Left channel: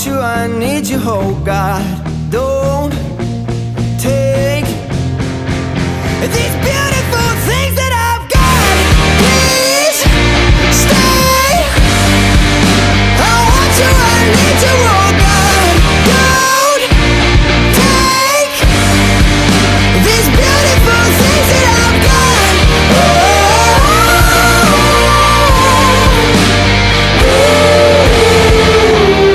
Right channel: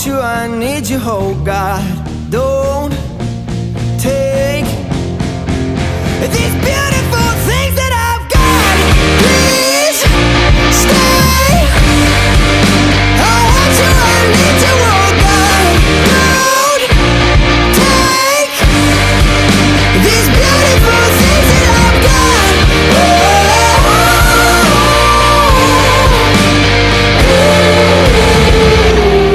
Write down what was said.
want you, I need you, oh God. Don't take these